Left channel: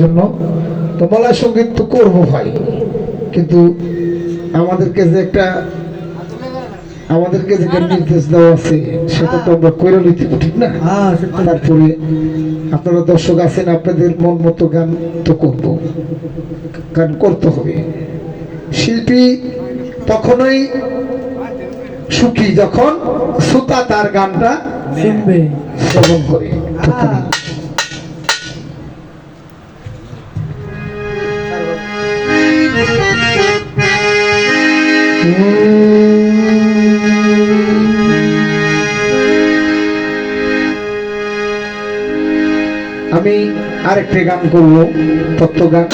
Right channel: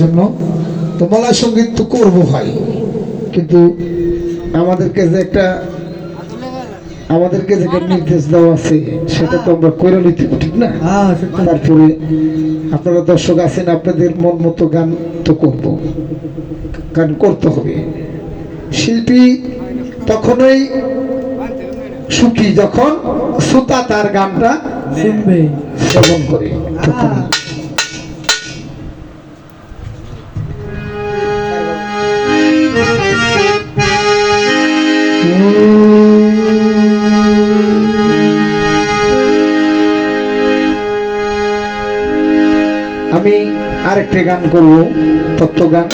জন্য তো মলয় সঙ্গীত তো করবো ভাই, কিন্তু আমাদেরকে যেটা নির্দেশ দেওয়া আছে সেটা তো আমরা করে নিতে, ঠিক না? তারপরে আপনারা দর্শক আছেন, আপনাদের মন মতো গান তো করবো, গান করতে হবে। শিল্পী তখনই সুখী যখন শ্রোতা তার গানটা শ্রবণ করে। আমি আরেকটা গান করবো, তত্ত্ব গান,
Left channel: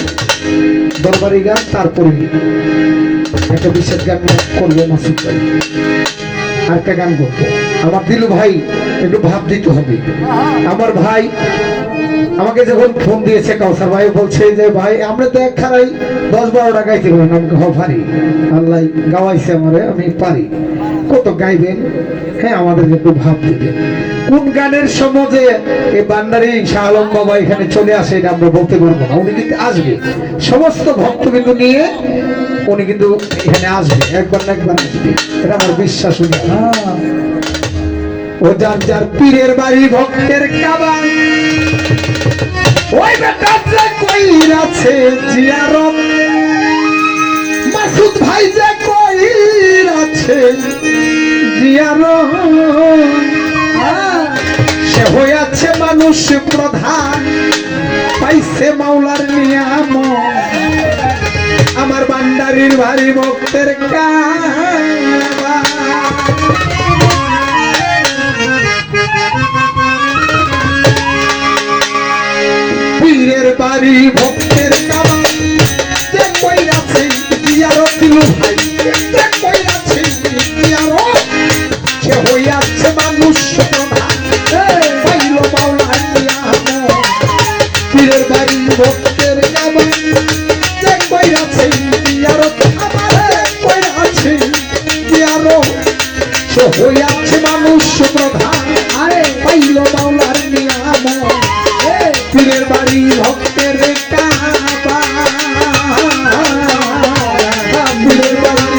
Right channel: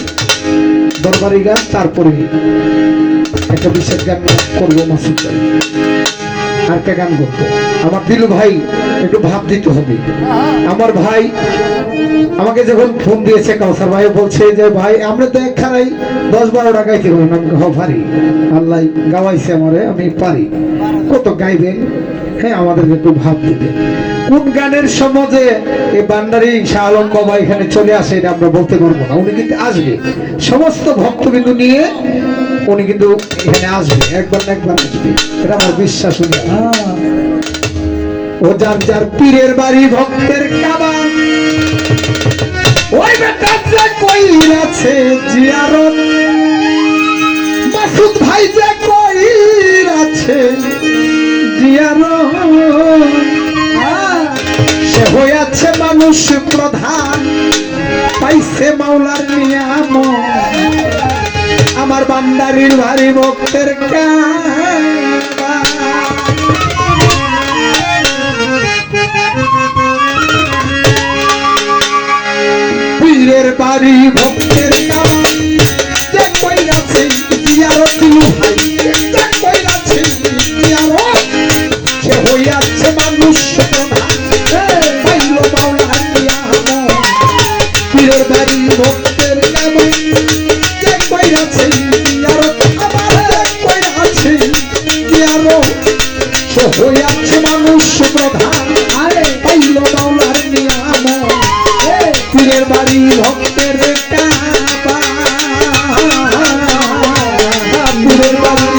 দরবারি গান, তারপরে একটা বিশেষ গান করবো, মাসুদ ভাই আরেকটা গান করবো। আমার দিলু ভাই একটু ভাব দিতে হবে। আমার ভাই আমাকে যখন ফোন দিয়েছে কাউসার ভাই, বলছে যে ভাই আমরা তো একখানাই 10-12 টাকায় কিনবো না, পারি আল্লাহ গাওয়াইছে আমারে, আমি পারি, কত গাইবেন, হ্যাঁ আমাদের একটু ভাব দিবেন। কোন গানের সমাজে এই বান্দারি শাহ আলম বাবা এখানে চলে আসে এটা আমরা বলতে পারবো না, উনি কিন্তু আসবে, সমস্ত ভক্তবিন্দু নিয়ে উনি কিন্তু এখানে আসবে, একবার না একবার আসবে, এটা আমার বিশ্বাস। উনি ও যার যার পীরের বাড়ি ভক্তের কাবা, ওই বেটা যে কইরাছে জিয়ারত, মাসুদ ভাই যে কইরাছে জিয়ারত, সে হইয়াছে মানুষ প্রধান, পাইছে মাওলার নিয়ামত, আমার বান্দারির ভারী ভক্তের কাবা। পীরের বাড়ি ভক্তের কাবা, যে কইরাছে জিয়ারত, দিলু ভাই যে কইরাছে জিয়ারত, সে হইয়াছে মানুষ প্রধান, পাইলো মাওলার নিয়ামত, পীরের বাড়ি ভক্তের কাবা, যে কইরাছে জিয়ারত, আমার যে কইরাছে জিয়ারত, সে হইয়াছে মানুষ প্রধান, পাইলো মাওলার নিয়ামত, পীরের বাড়ি ভক্তের কাবা, পীরের বাড়ি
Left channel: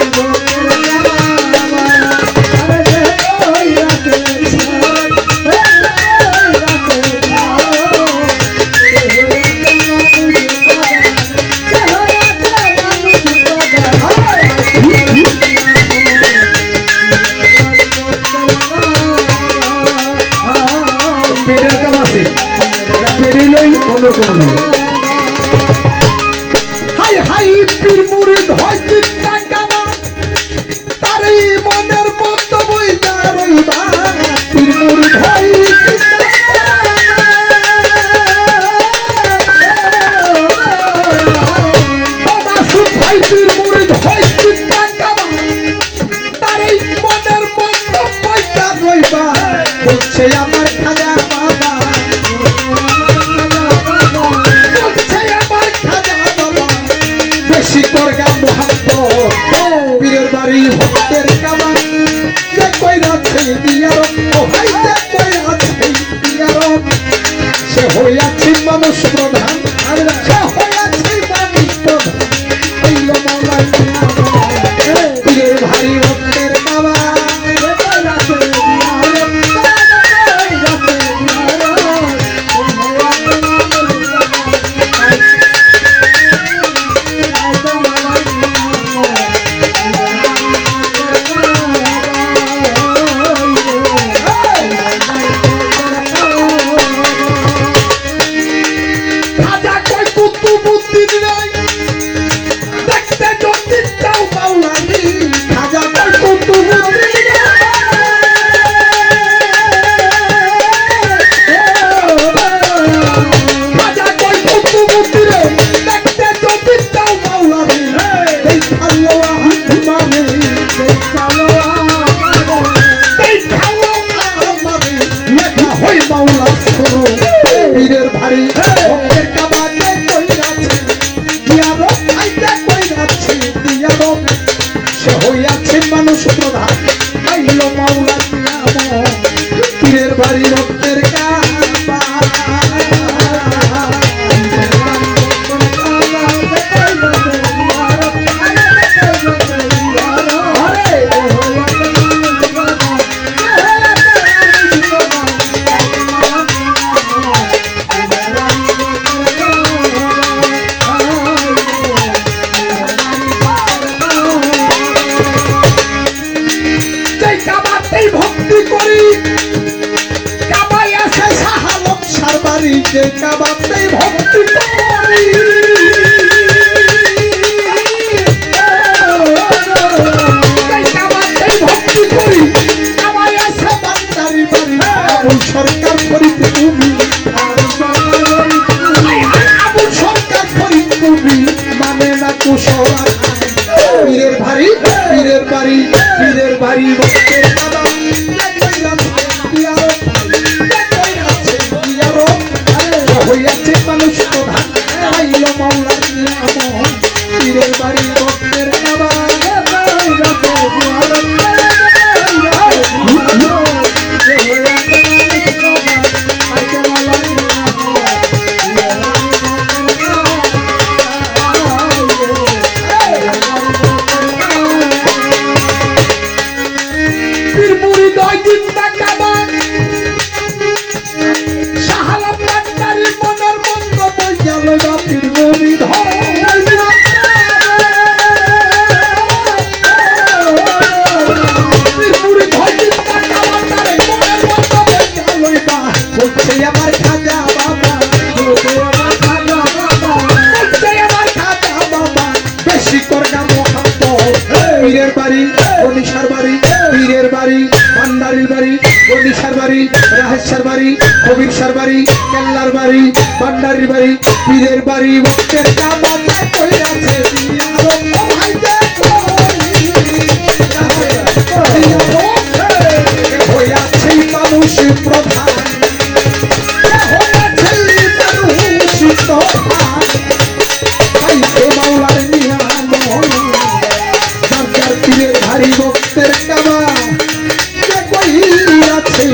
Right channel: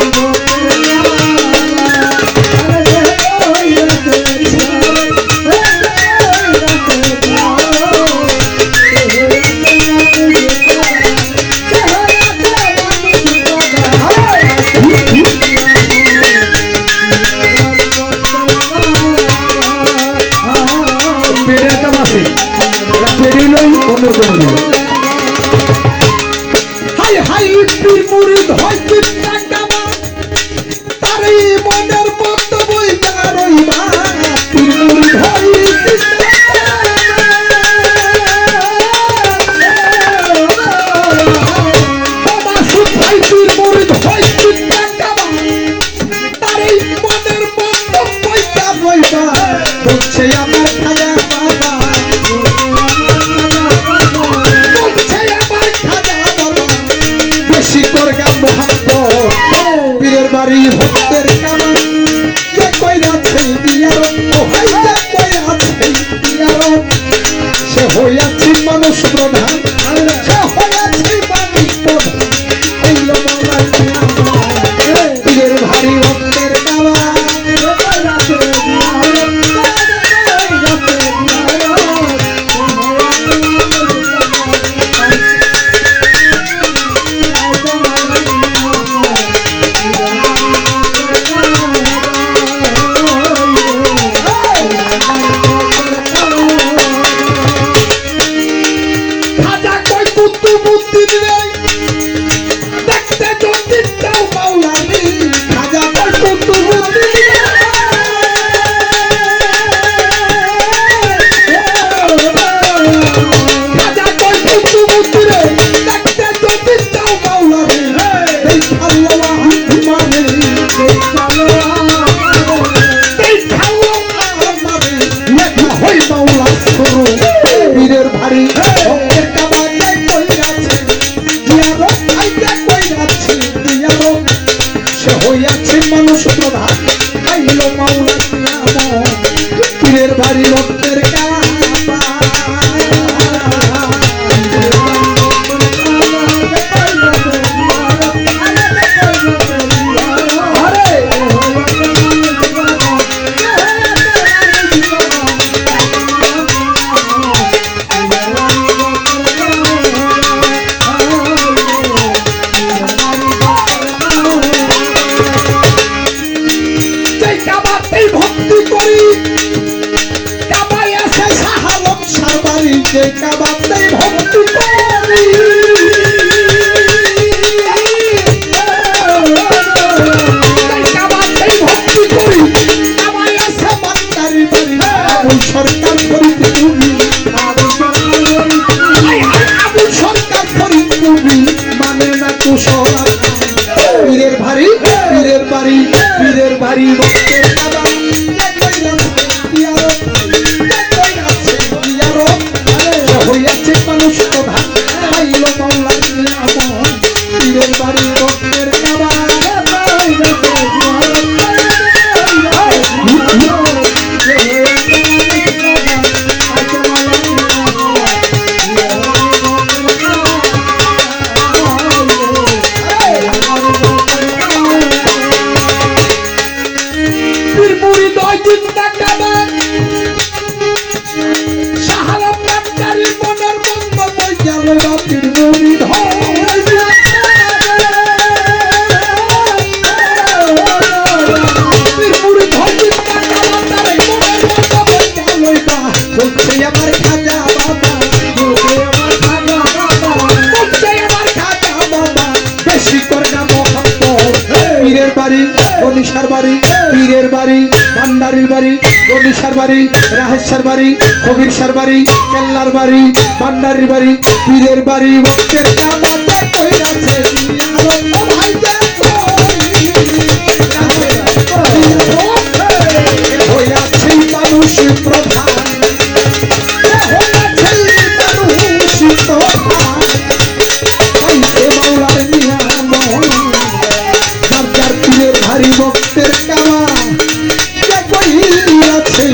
হাই হাই পীর মুরিদ হয় চিন্তা কামা, তার এই মনের মতো বইতা রইবা, পীর মুরিদ হয় মাসুদ ভাই, পীর মুরিদ হয় চিন্তা কামা, তার এই মনের মতো বইতা রইবা, বলছে আমার খাজা বাবা, পীরের বাড়ি ভক্তের কাবা, যে কইরাছে জিয়ারত, ওই যে কইরাছে জিয়ারত, সে হইয়াছে মানুষ প্রধান, সে হইয়াছে মানুষ প্রধান, পাইলো মাওলার নিয়ামত, পীরের বাড়ি ভক্তের কাবা, যে কইরাছে জিয়ারত, পীরের ভারী ভক্তের কাবা, যে কইরাছে ভক্তের কাবা হইয়াছে মানুষ প্রধান আইলো মাওলার নিয়ামত পীরের বাড়ি ভক্তের কাবা পীরের বাড়ি ভান্ডারির বাড়ি গণিসার বাড়ি রাহেশ্বর বাড়ি কবিরসার বাড়ি কেল্লার বাড়ি ভান্ডারির বাড়ি পীরের বাড়ি ভক্তের কাবা কইরাছে হইয়াছে মানুষ প্রধান হইয়াছে মানুষ প্রধান পাইছে মাওলার নিয়ামত পীরের ভারী ভক্তের কাবা কইরাছে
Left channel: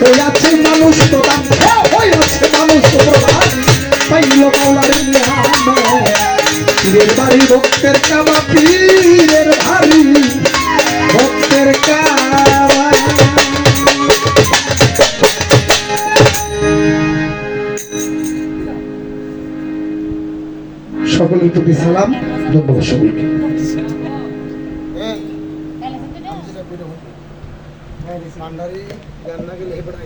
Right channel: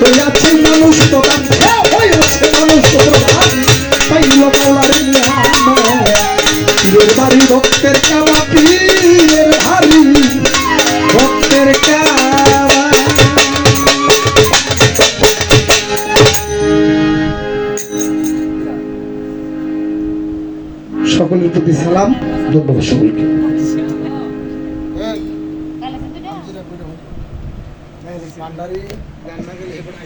হইয়াছে মানুষ প্রধান হইয়াছে মানুষ প্রধান পাইল মাওলার নিয়ামত পীরের ভারী ভক্তের কাবা পীরের ভারী ভক্তের কাবা। সকলের প্রতি সালাম, ধন্যবাদ সকলকে।